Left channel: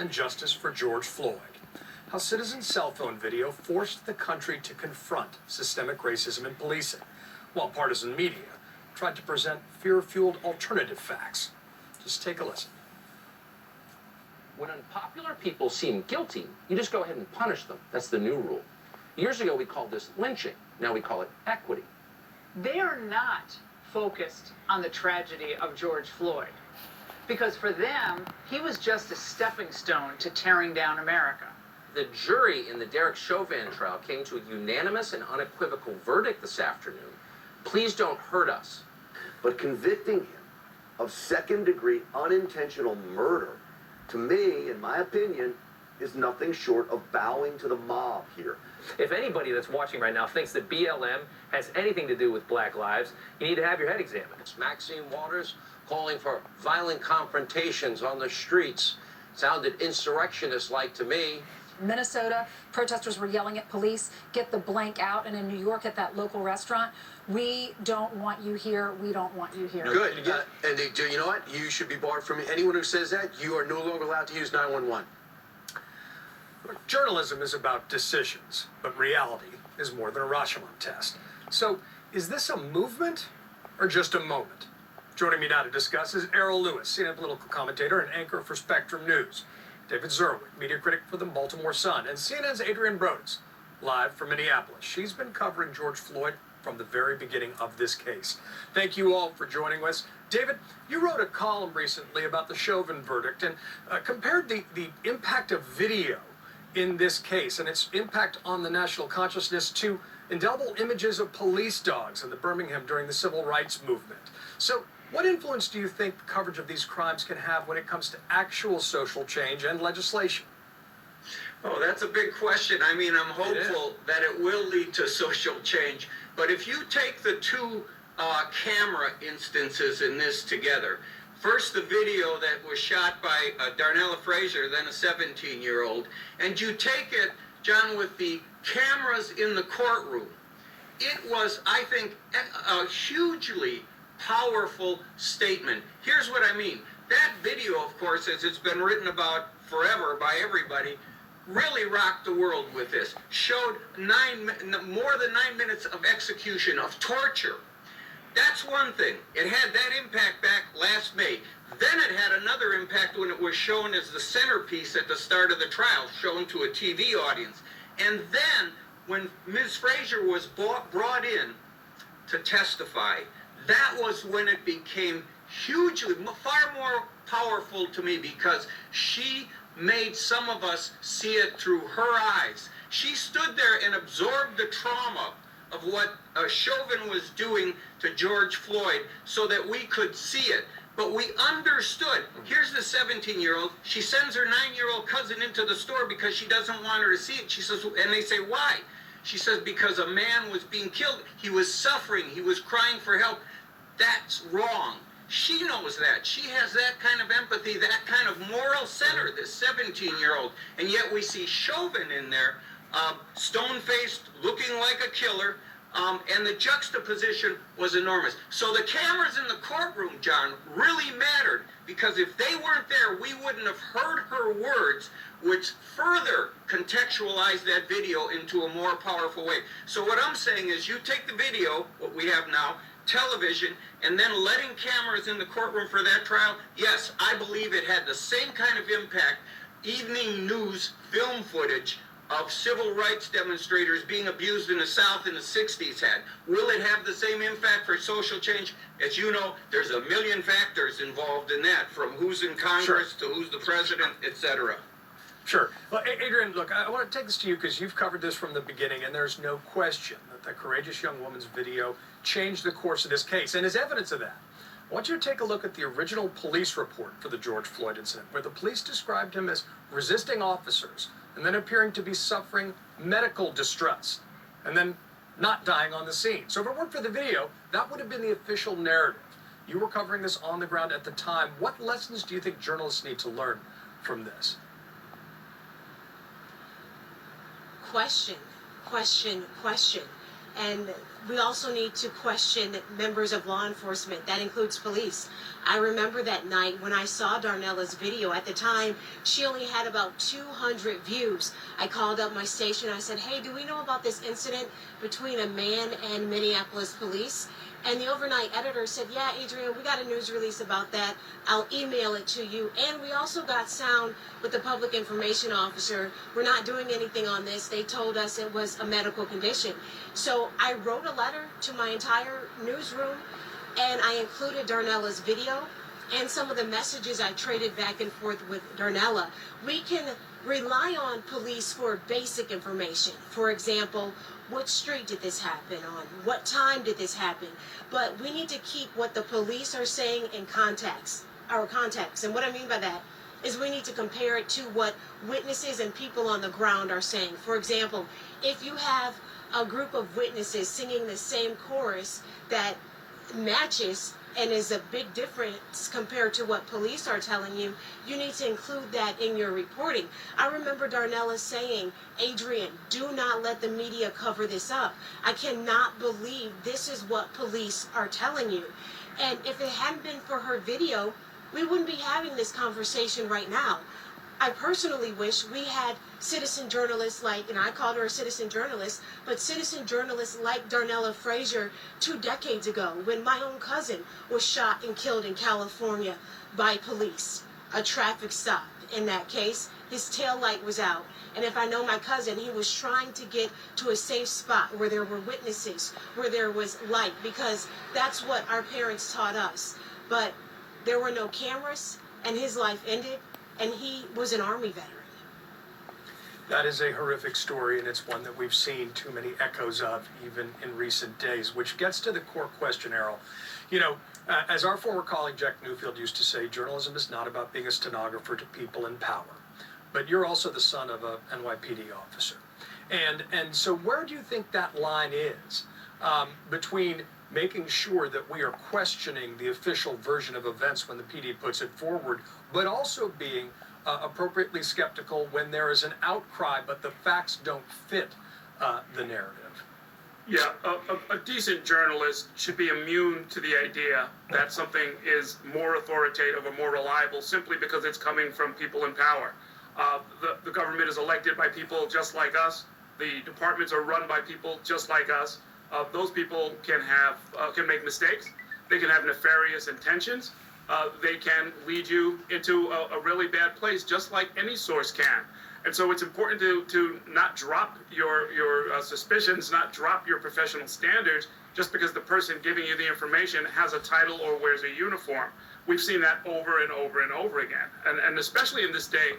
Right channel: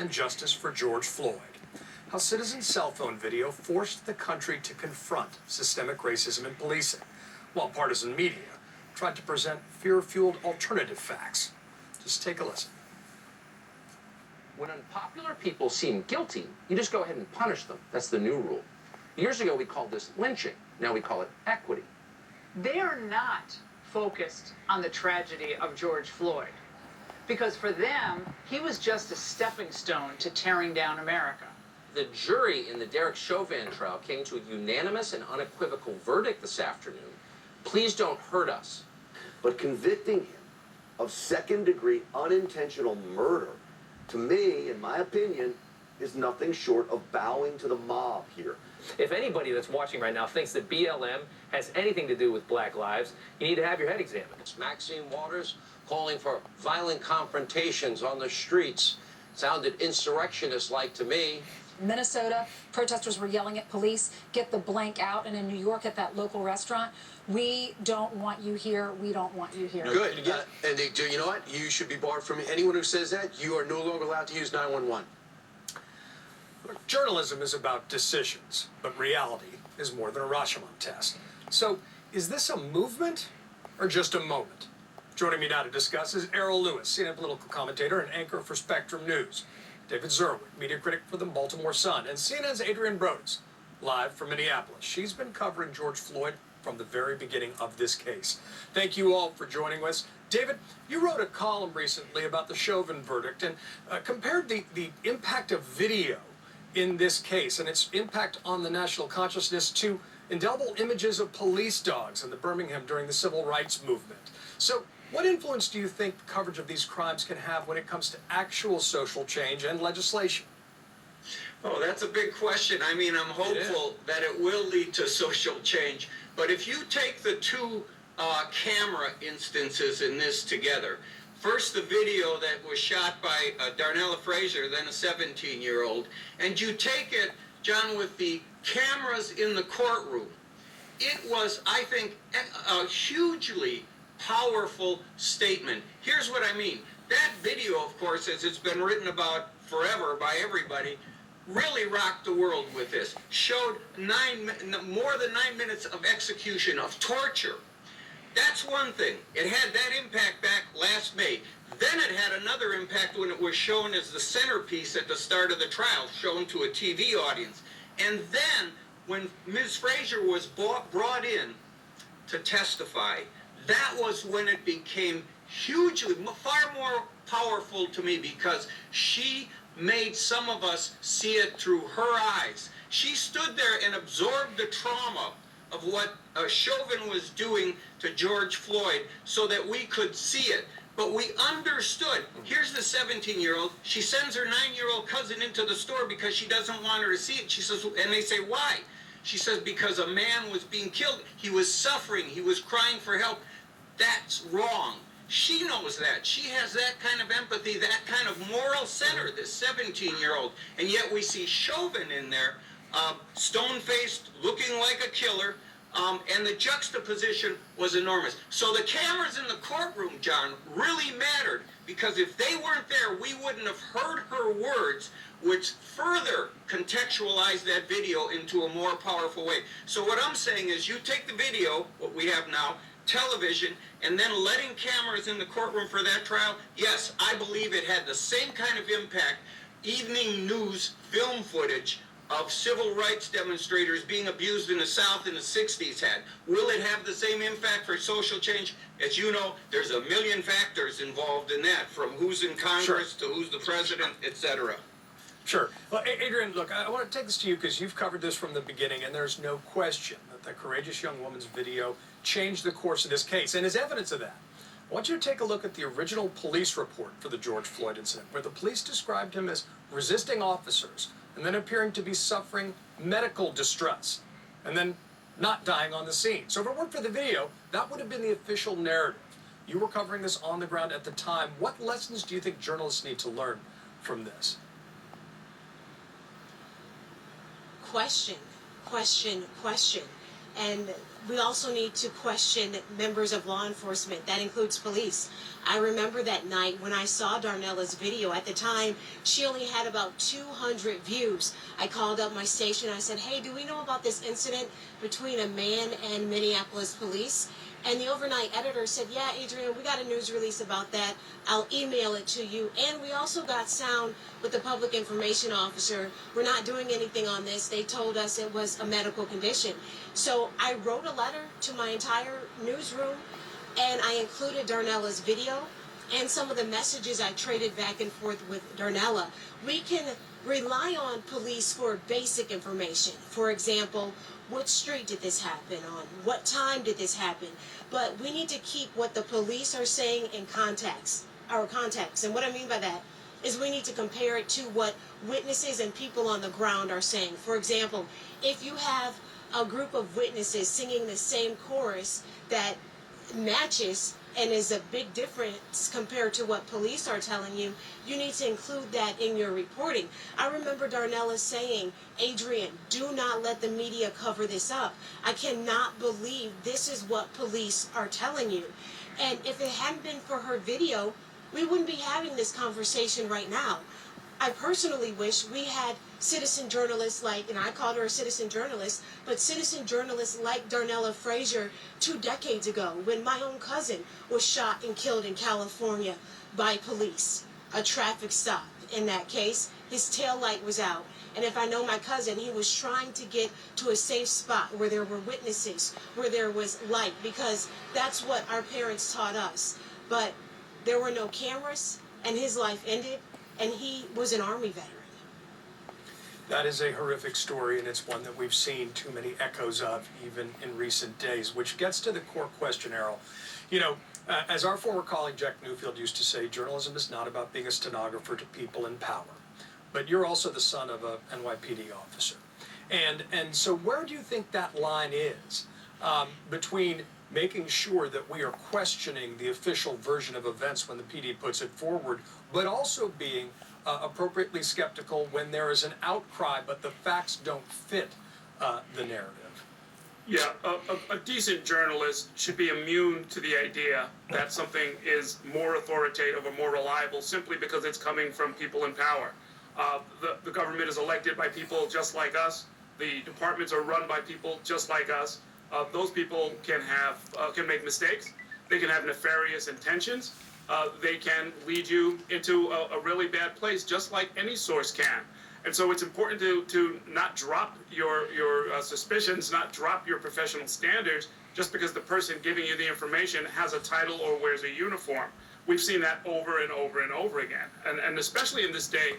and justice for George Floyd. How citizen cell phone video forced the country to confront systemic racism in policing, while partisan media tried to present fear-fueled alternative facts. Just take a listen. When unpopular people seem guilty, you just go ahead and punish them. That's the new rule. Years ago, we called this lynching. Now we call it equity. They are not focused on the tragedy of George Floyd, because for them, he was just a stepping stone to tearing down America. The jury in the Derek Chauvin trial came to a unanimous and unequivocal verdict this afternoon. Please don't hurt us. But convicting him of second-degree unintentional murder, to me, in my opinion, is nothing short of bowing to the mob here. If anybody that's watching right now thinks that BLM has anything to do with Black lives, you need to have your head examined. Maxine Waters calling for violent confrontations on the streets. Sounded insurrectionist-like to me. Minnesota, protesters were yelling at police, get the blank out, and in New York at that local restaurant, we don't want you here, we don't want you here. Good. And you know what? You should be barred from anyone who says that. You are no longer allowed to use 911. Journalism is about decisions, but reality is more than a Rashomon test. So, is this a movement or just a moment? Joining me now to discuss is Errol Lewis, CNN political commentator and anchor for Spectrum News. David Zerwin, media critic for the Baltimore Sun, and CNN's Adrienne Brodus, live from Minneapolis. She's been covering George Floyd from the very beginning of this case. Thank you all for joining us. David, you wrote a column recently about the Chauvin verdict and compared the impact of video in this case and its impact on the national consciousness to indelible images of police dogs in the Birmingham during the civil rights movement. So, what influence do you think coverage of these crimes can have when it comes to actual social change and legislation? Oh, that's a big question. I mean, I'm hopeful that it will lead to social change. But if you take the two camera instances in this together, first the video that was shot by Darnella Frazier, then a 17-year-old, and you take it, John, with the cameras in the courtroom, it was, I think, a hugely powerful statement. Here's what I mean. That video, of course, as it's been written about forever by everybody, really rocked the world with this. Showed more than 9 minutes of execution, of torture. That's one thing. It had that impact back last May. Then it had another impact when it was shown as the centerpiece at the start of the trial, shown to a TV audience. And then when Ms. Frazier was brought in to testify, that was when it became hugely, far more powerful to me, because she made some of us see it through her eyes. She stood there and absorbed the trauma of what Chauvin was doing to George Floyd so that we could see it. But we understood. Here's the 17-year-old. She sends her 9-year-old cousin into the store because she doesn't want her to see it. She says, and they say, why? She says, because a man was being killed. He was suffering. He was crying for help. That's wrong. She knows that. She has that kind of empathy, that kind of moral center, this 17-year-old. And yet we see Chauvin in there, stone-faced, looking like a killer, and the juxtaposition was enormous. So the cameras in the courtroom, John, really mattered, because if they weren't there, we wouldn't have heard her words, which further contextualized that video into a more powerful way. So what I'm saying is, you take the video, what we have now, television, and then letting cameras in the courtroom for that trial, yes, I believe it had the same kind of impact evening news film footage of civil rights demonstrators being abused in the South in the 60s had. Will it have the same impact for social change? As you know, there's a million factors involved in that, from who's in Congress to who's the president, etc. Sure. Well, Adrienne, look, I want to take this to you because you've covered this from the beginning, and there's no question that the courageous young woman's video changed the course of this case. And as evidence of that, I want you to take a look at the original police report for the George Floyd incident, where the police described him as resisting officers and then appearing to be suffering medical distress and then not dying on the scene. So if it weren't for the video, that would have been the official narrative. You were covering this on the ground at the time. What lessons do you think journalists need to learn from this? Question, question, question. And we also need to question members of law enforcement. That includes police. I remember that night when I saw Darnella's video. At the time, she only had about 200 views. I called up my station. I said, hey, do we know about this incident between a man and Minneapolis police? And the overnight editor said, yeah, Adrian, we got a news release about that. I'll email it to you. And we also got sound with the public information officer. We're not doing anything on this. They told us it was a medical condition. So I wrote a letter to my entire newsroom, and I included Darnella's video and some of the messages I traded back and forth with Darnella. We can rely on police for basic information. For example, what street did this happen on? What time did this happen? But we need to keep what the police are saying in context. And what I mean by that is we need to compare it to what witnesses and people on the ground are saying. For example, if you have a group of witnesses singing the same chorus that matches and is a big difference compared to what police are telling you, you need to include that in your reporting. I remember Darnella saying, Adrian, do not let the media cover this up. I cannot believe this is what police are telling you. And if it hadn't been for her video, we wouldn't be having this conversation right now. I personally wish we had citizen journalists like, and I called her a citizen journalist, but citizen journalists like Darnella Frazier 2 decades ago when my own cousin was shot and killed in California by police. A traffic stop. In that case, his tail light was out. And if I know my cousin, he was trying to get to a safe spot where there were witnesses, where there was light, because that's what our parents taught us. But there were no cameras, and his life ended, and he was an Army veteran. That is a horrific story, and it's one that we've seen too many echoes of even in recent days, which gets to the core question, Errol. You know, as our former colleague Jack Newfield used to say, journalism is not about being a stenographer to people in power. But you're also the son of a NYPD officer. And so where do you think that line is between making sure that we are questioning the official version of events when the PD puts it forward, but also being appropriately skeptical when there is an outcry, but the facts don't fit the narrative? Yeah, a decent journalist should be immune to the idea that something is more authoritative or more reliable simply because it's coming from people in power. The government is elected by people just like us. The departments are run by people just like us. Those people can make mistakes. They can have nefarious intentions. They can lead you into a really bad place, just like any source can. And so it's important to not drop your suspicions, not drop your professional standards, just because the person giving you the information has a title or wears a uniform. We've seen that over and over and over again. And especially in this day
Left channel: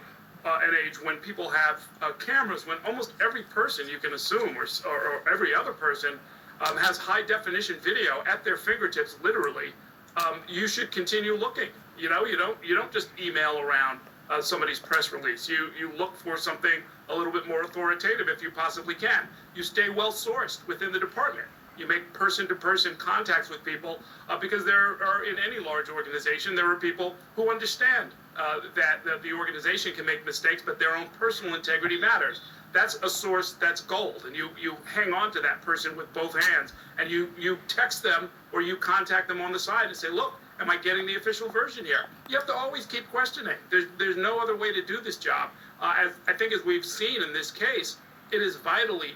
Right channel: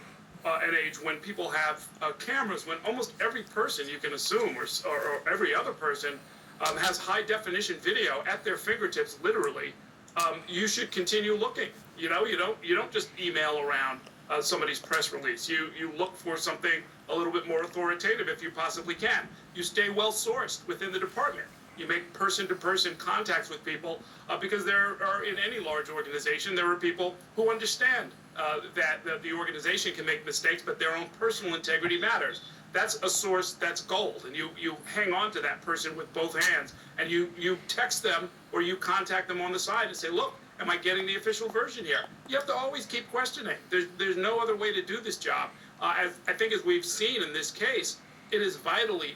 and age when people have cameras, when almost every person you can assume, or every other person, has high definition video at their fingertips, literally, you should continue looking. You know, you don't just email around somebody's press release. You look for something a little bit more authoritative if you possibly can. You stay well sourced within the department. You make person-to-person contacts with people because there are, in any large organization, there are people who understand that the organization can make mistakes, but their own personal integrity matters. That's a source that's gold, and you hang on to that person with both hands, and you text them or you contact them on the side and say, look, am I getting the official version here? You have to always keep questioning. There's no other way to do this job. I think as we've seen in this case, it is vitally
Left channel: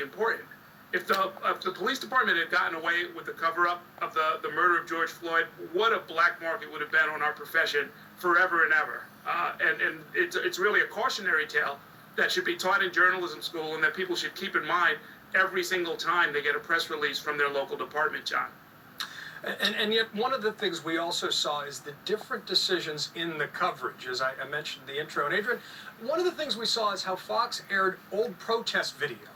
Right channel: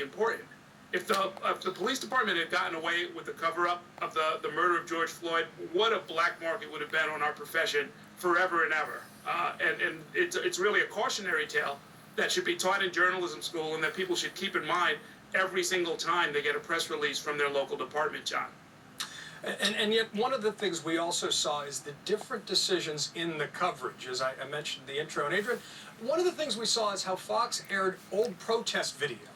important. If the police department had gotten away with the cover-up of the murder of George Floyd, what a black mark it would have been on our profession forever and ever. And it's really a cautionary tale that should be taught in journalism school and that people should keep in mind every single time they get a press release from their local department, John. And yet one of the things we also saw is the different decisions in the coverage, as I mentioned in the intro. And Adrian, one of the things we saw is how Fox aired old protest video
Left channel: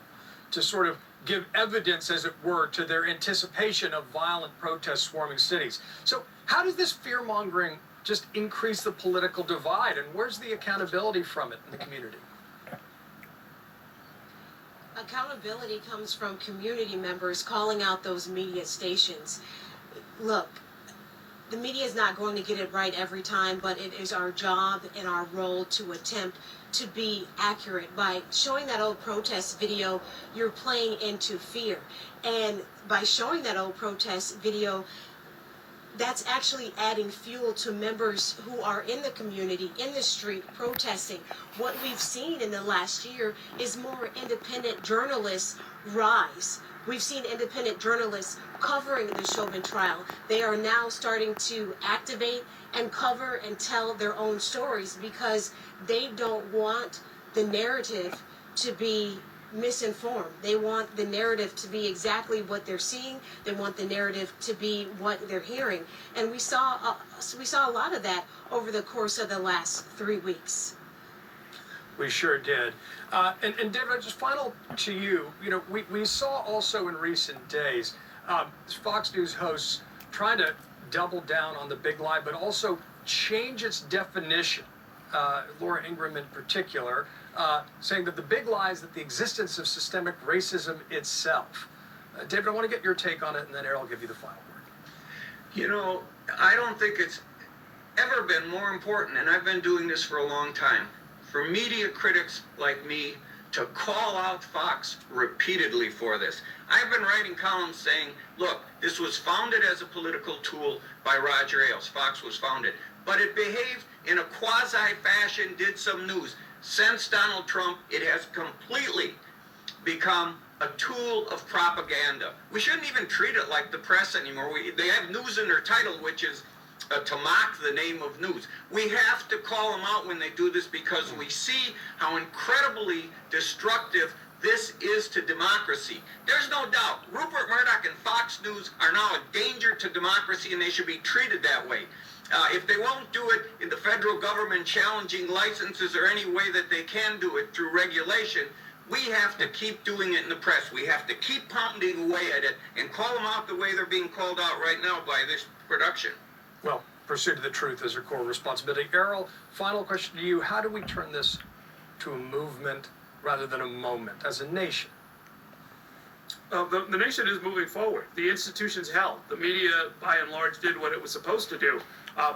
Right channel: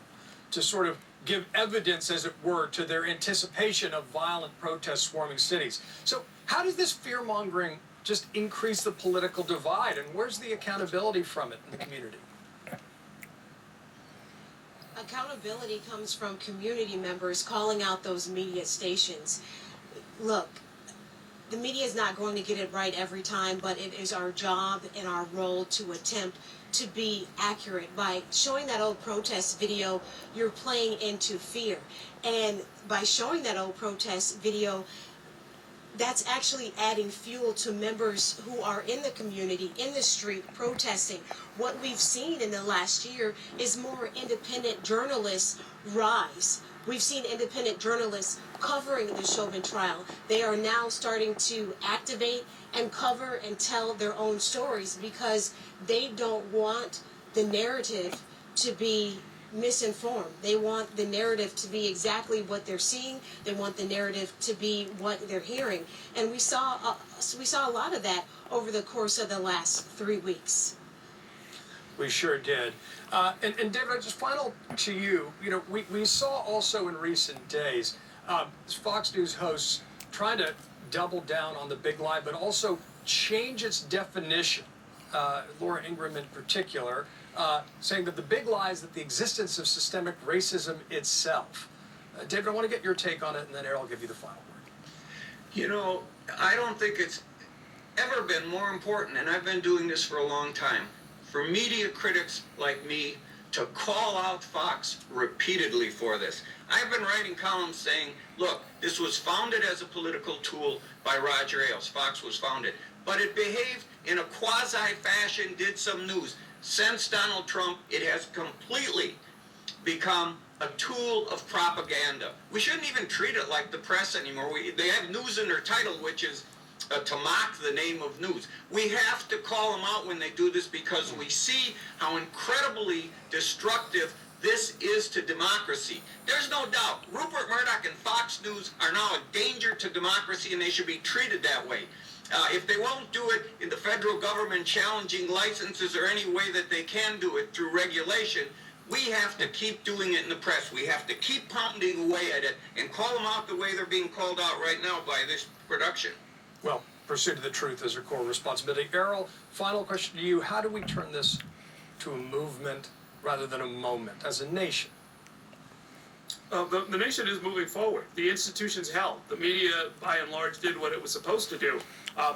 to sort of give evidence, as it were, to their anticipation of violent protests swarming cities. So how does this fear-mongering just increase the political divide, and where's the accountability from it in the community? Accountability comes from community members calling out those media stations. Look, the media is not going to get it right every time, but it is our job and our role to attempt to be accurate. By showing that old protest video, you're playing into fear. And by showing that old protest video, that's actually adding fuel to members who are in the community, in the street, protesting. What we've seen in the last year is more independent journalists rise. We've seen independent journalists covering the Chauvin trial. They are now starting to activate and cover and tell their own stories because they don't want the narrative to be misinformed. They want the narrative to be exactly what they're seeing. They want the narrative to be what they're hearing. And we saw a lot of that over the course of the last 3 weeks. We sure did. And David, just final to you. You know, we saw also in recent days Fox News hosts trying to double down on the big lie, but also change its definition. Laura Ingraham in particular, saying that the big lie is that the existence of systemic racism itself. David, I want to get your take on it, and then Errol will give you the final word. You know, I don't think it's ever been more important, and I've been doing this for a long time, for media critics like me to call out Fox repeatedly for this. I've been writing columns saying, look, this was founded as a political tool by Roger Ailes. Fox was founded. But it behaved in a quasi-fashion, did some news. Since Donald Trump, it has completely become a tool of propaganda. We shouldn't even treat it like the press anymore. They have news in their title, which is to mock the name of news. We have to call them out when they do this because we see how incredibly destructive this is to democracy. There's no doubt Rupert Murdoch and Fox News are now a danger to democracy, and they should be treated that way. If they won't do it in the federal government challenging licenses or any way that they can do it through regulation, we have to keep doing it in the press. We have to keep pounding away at it and call them out the way they're being called out right now by this production. Well, pursuit of the truth is our core responsibility. Errol, final question to you. How do we turn this to a movement rather than a moment as a nation? The nation is moving forward. The institutions held. The media, by and large, did what it was supposed to do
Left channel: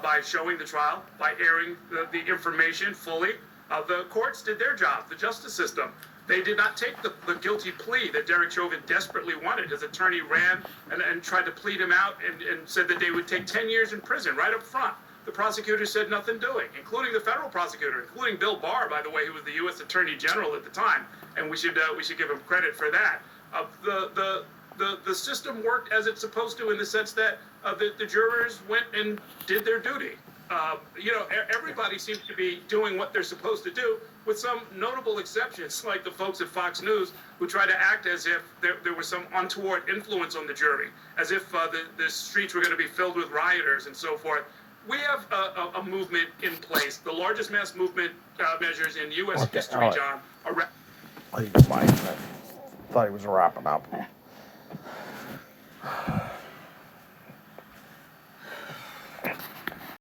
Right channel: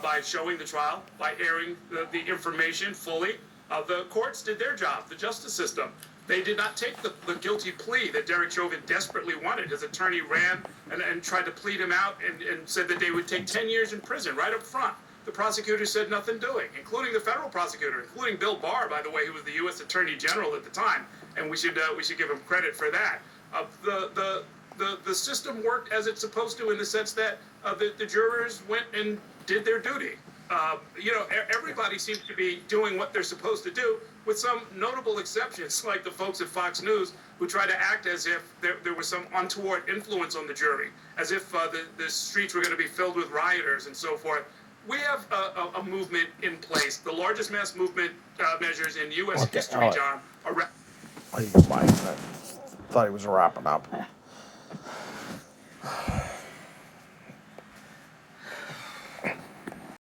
by showing the trial, by airing the information fully. The courts did their job, the justice system. They did not take the guilty plea that Derek Chauvin desperately wanted. His attorney ran and tried to plead him out and said that they would take 10 years in prison right up front. The prosecutor said nothing doing, including the federal prosecutor, including Bill Barr, by the way, who was the U.S. Attorney General at the time, and we should give him credit for that. The system worked as it's supposed to in the sense that the jurors went and did their duty. Everybody seems to be doing what they're supposed to do, with some notable exceptions, like the folks at Fox News who try to act as if there was some untoward influence on the jury, as if the streets were going to be filled with rioters and so forth. We have a movement in place, the largest mass movement measures in U.S. history, John. Oh, you can buy it. Thought he was wrapping up.